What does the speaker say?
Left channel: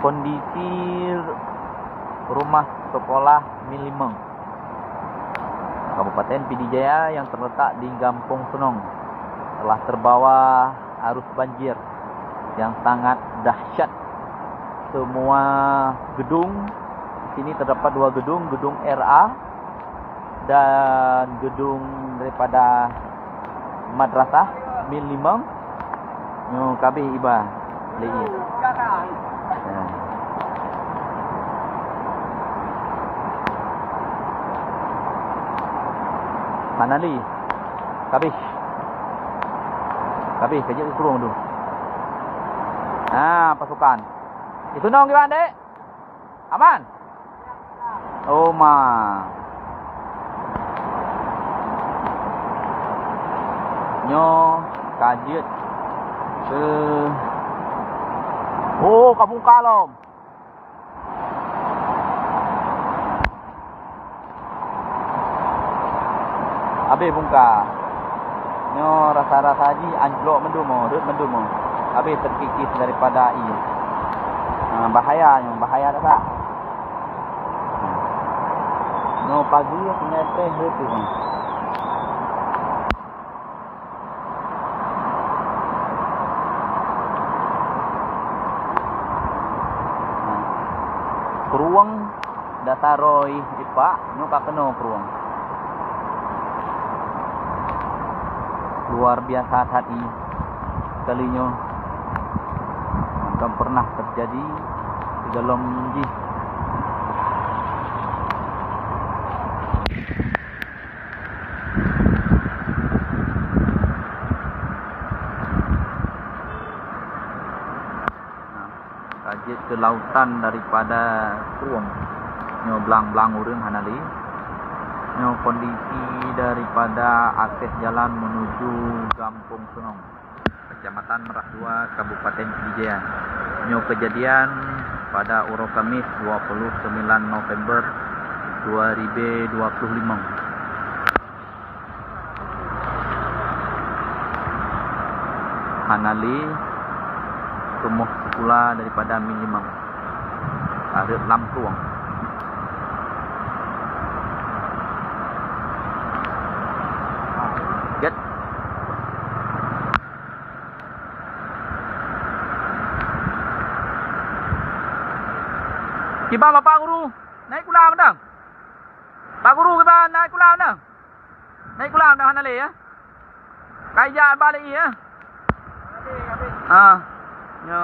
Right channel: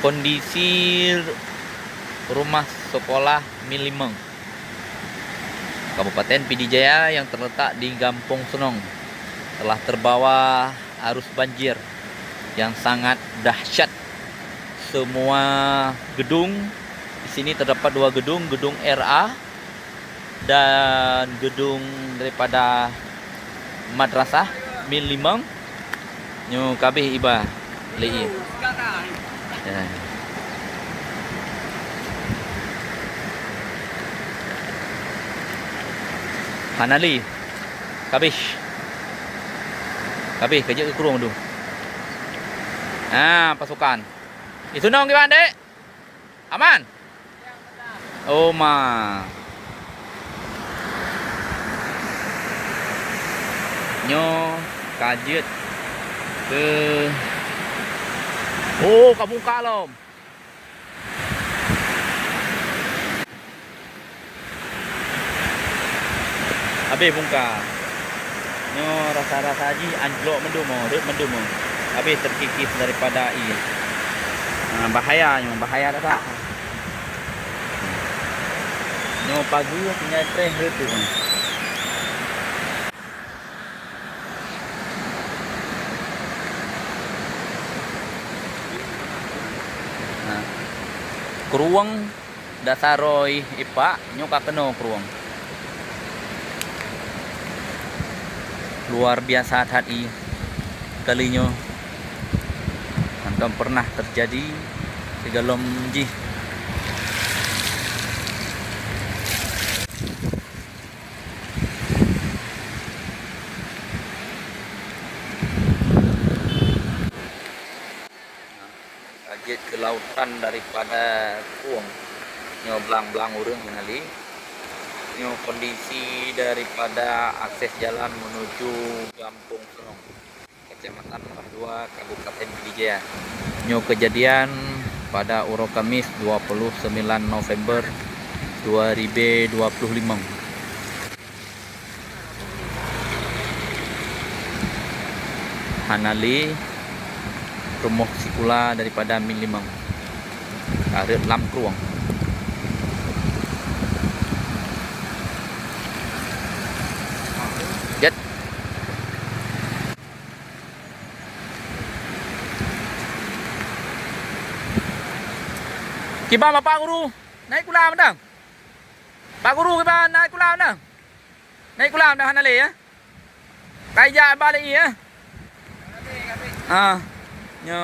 Kondisi rumah sekolah Milimeng, Kabupaten Pidijaya yang terletak di Gampong Senong telah terbawa arus banjir yang sangat dahsyat. Semua gedung di sini terdapat dua gedung, gedung RA dan gedung daripada madrasah Milimeng nyo kabeh iba lei. Ya. Hanali kabeh kerja ke kurung tu. Pasukan itu nong gimana dek? Aman? Oh ma nyo kajet ke Kampung Kalom. Habis bungka nyo rasa-rasa haji anjlok mendumo, habis terkikis daripada air. Bahaya tak? Nyo pagi punya teh tu. Keruang dasaroi ipak nyo kakeno keruang. Luar biasa tadi kalinya belum pernah terjadi di dalam ji. Kajet ke lautan daripada Kuang nyo belang-belang urang hanali. Nyo kondisi daripada akses jalan menuju Gampong Senong, Kecamatan Merak 2, Kabupaten Pidijaya. Nyo kejadian pada Uro Kamis 29 November 2025. Hanali rumah sikula daripada Milimeng arep lam Kruang. Jet kiba Pak Guru naik kulam dah. Pak Guru kiba naik kulam dah. Naik kulam dah Hanali ya. Kaija balik ya. Nyo